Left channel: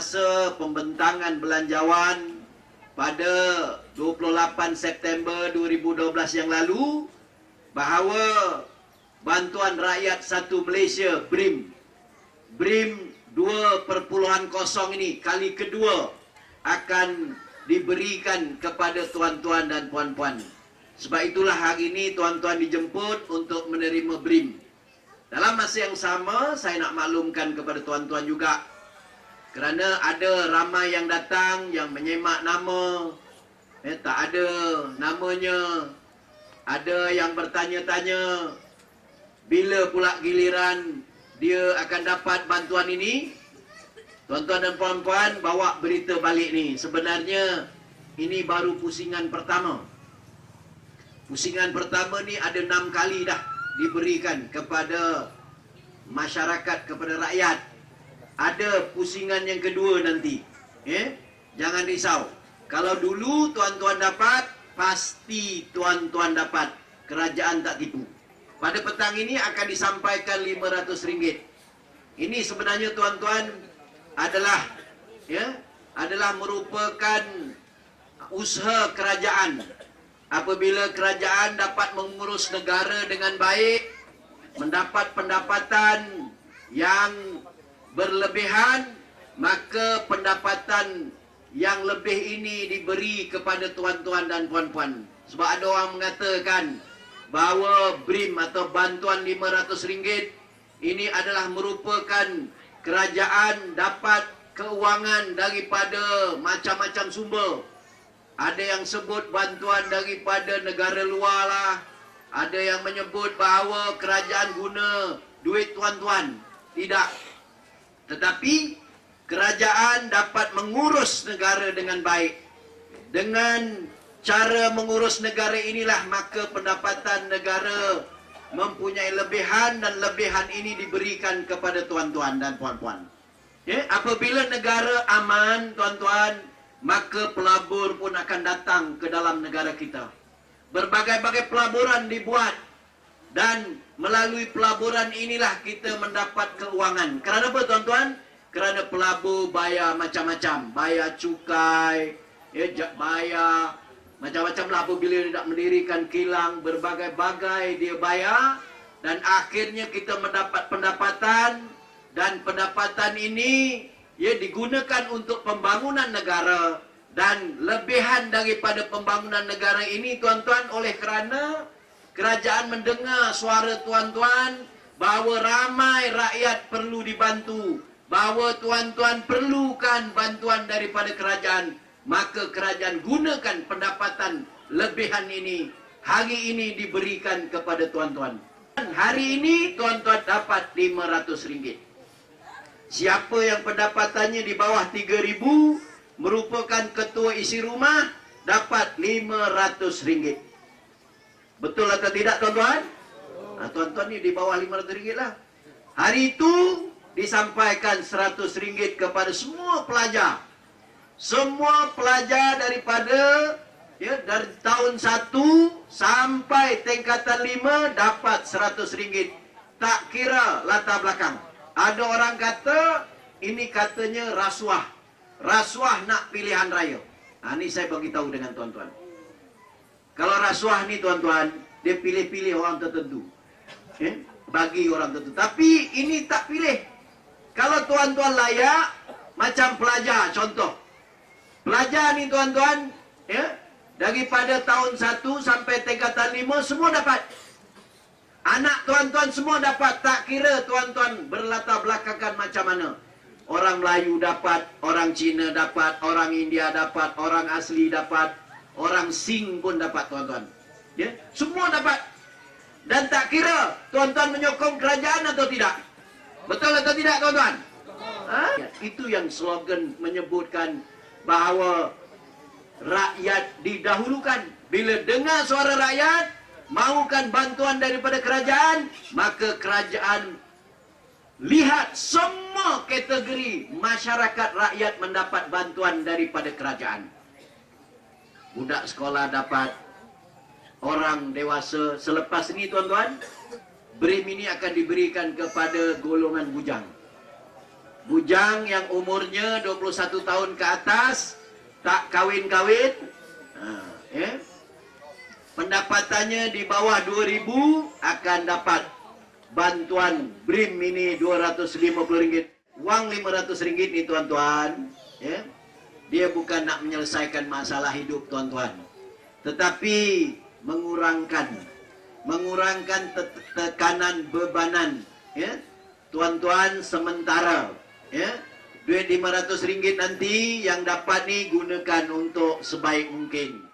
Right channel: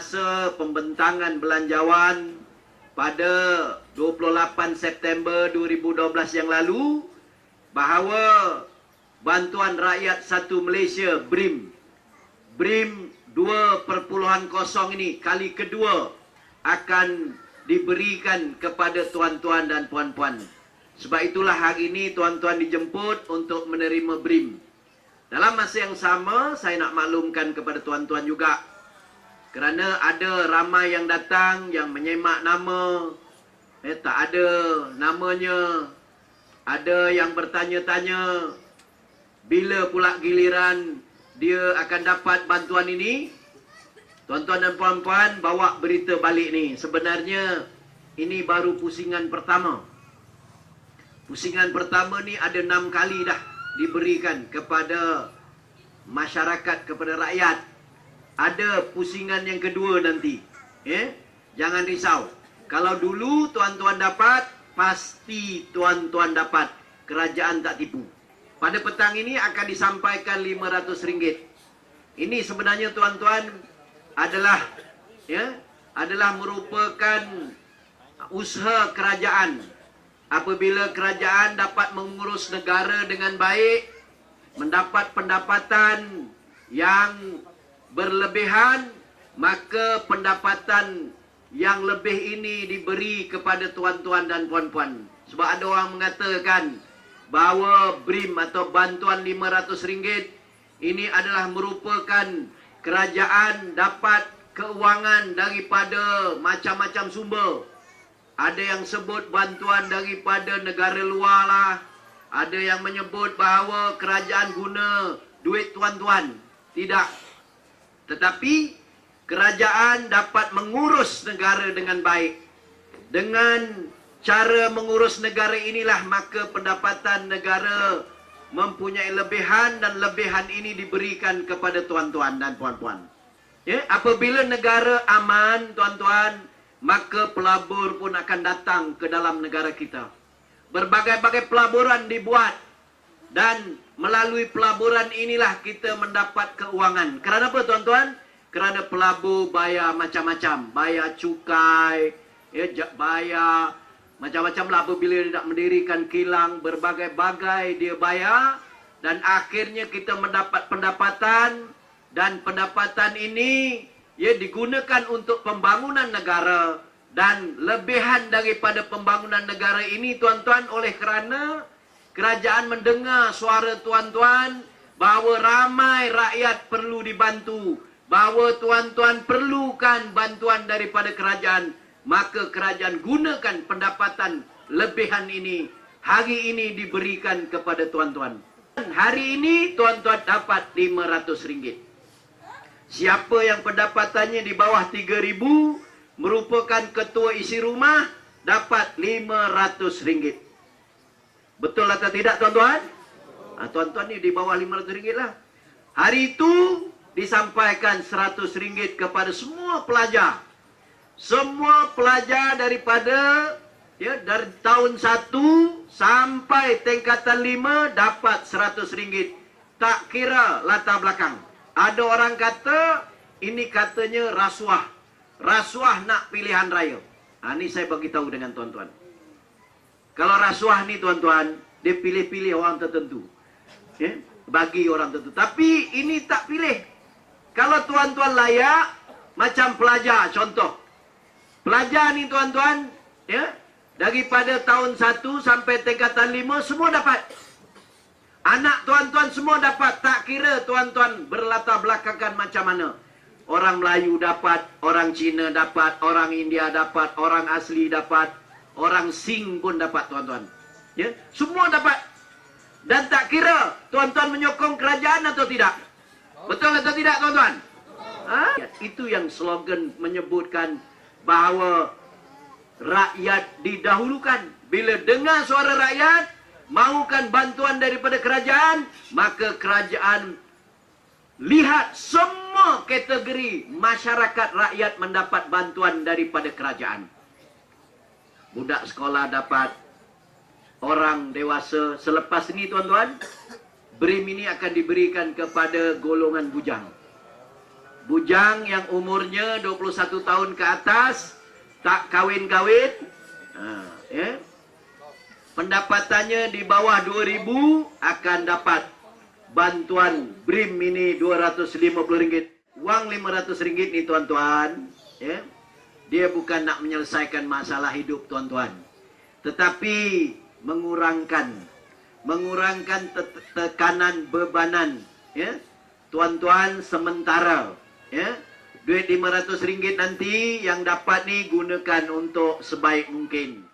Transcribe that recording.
masa pembentangan belanjawan pada 28 September 2012 yang lalu, bahawa Bantuan Rakyat 1 Malaysia BRIM 2.0 ini kali kedua akan diberikan kepada tuan-tuan dan puan-puan. Sebab itulah hari ini tuan-tuan dijemput untuk menerima BRIM. Dalam masa yang sama, saya nak maklumkan kepada tuan-tuan juga, kerana ada ramai yang datang yang menyemak nama, tak ada namanya. Ada yang bertanya-tanya bila pula giliran dia akan dapat bantuan ini. Tuan-tuan dan puan-puan, bawa berita balik ni. Sebenarnya ini baru pusingan pertama. Pusingan pertama ni ada 6 kali dah diberikan kepada masyarakat, kepada rakyat. Ada pusingan yang kedua nanti. Jangan risau. Kalau dulu tuan-tuan dapat, pasti tuan-tuan dapat. Kerajaan tak tipu. Pada petang ini akan disampaikan RM500. Ini sebenarnya tuan-tuan adalah merupakan usaha kerajaan. Apabila kerajaan dapat mengurus negara dengan baik, mendapat pendapatan yang berlebihan, maka pendapatan yang lebih ini diberi kepada tuan-tuan dan puan-puan. Sebab ada orang mengatakan bahawa BRIM atau bantuan RM500 ini adalah merupakan kerajaan dapat keuangan daripada macam-macam sumber. Ada yang sebut bantuan daripada negara luar lah. Ada yang menyebut bahawa kerajaan guna duit tuan-tuan. Tidak. Tetapi kerajaan dapat mengurus negara dengan baik. Dengan cara mengurus negara inilah maka pendapatan negara mempunyai lebihan, dan lebihan ini diberikan kepada tuan-tuan dan puan-puan. Apabila negara aman, tuan-tuan, maka pelabur pun akan datang ke dalam negara kita. Berbagai-bagai pelaburan dibuat, dan melalui pelaburan inilah kita mendapat keuangan. Kerana apa, tuan-tuan? Kerana pelabur bayar macam-macam. Bayar cukai, bayar macam-macam lah. Apabila dia nak mendirikan kilang, berbagai-bagai dia bayar, dan akhirnya kita mendapat pendapatan, dan pendapatan ini digunakan untuk pembangunan negara. Dan lebihan daripada pembangunan negara ini, tuan-tuan, oleh kerana kerajaan mendengar suara tuan-tuan bahawa ramai rakyat perlu dibantu, bahawa tuan-tuan perlukan bantuan daripada kerajaan, maka kerajaan gunakan pendapatan lebihan ini hari ini diberikan kepada tuan-tuan. Hari ini tuan-tuan dapat RM500. Siapa yang pendapatannya di bawah RM3,000 merupakan ketua isi rumah, dapat RM500. Betul atau tidak, tuan-tuan? Tuan-tuan ni di bawah RM500 lah. Hari itu disampaikan RM100 kepada semua pelajar. Semua pelajar daripada dari tahun 1 sampai tingkatan 5 dapat RM100. Tak kira latar belakang. Ada orang kata ini katanya rasuah. Rasuah nak pilihan raya. Ini saya bagi tahu dengan tuan-tuan. Kalau rasuah ni, tuan-tuan, dia pilih-pilih orang tertentu. Bagi orang tertentu. Tapi ini tak pilih. Kalau tuan-tuan layak, macam pelajar contoh. Pelajar ni, tuan-tuan, daripada tahun 1 sampai tingkatan 5 semua dapat. Anak tuan-tuan semua dapat. Tak kira tuan-tuan berlatar belakangkan macam mana. Orang Melayu dapat, orang Cina dapat, orang India dapat, orang asli dapat, orang Sing pun dapat, tuan-tuan. Semua dapat. Dan tak kira tuan-tuan menyokong kerajaan atau tidak. Betul atau tidak, tuan-tuan? Itu yang slogan menyebutkan bahawa rakyat didahulukan. Bila dengar suara rakyat, mahukan bantuan daripada kerajaan, maka kerajaan lihat semua kategori masyarakat rakyat mendapat bantuan daripada kerajaan. Budak sekolah dapat, orang dewasa. Selepas ini, tuan-tuan, BRIM ini akan diberikan kepada golongan bujang. bujang yang umurnya 21 tahun ke atas, tak kawin-kawin, pendapatannya di bawah 2.000 akan dapat bantuan BRIM ini Rp250. Uang Rp500 nih tuan-tuan, ya. Dia bukan nak menyelesaikan masalah hidup tuan-tuan, tetapi mengurangkan tekanan bebanan, ya. Tuan-tuan sementara, ya. Duit Rp500 nanti yang dapat nih gunakan untuk sebaik mungkin.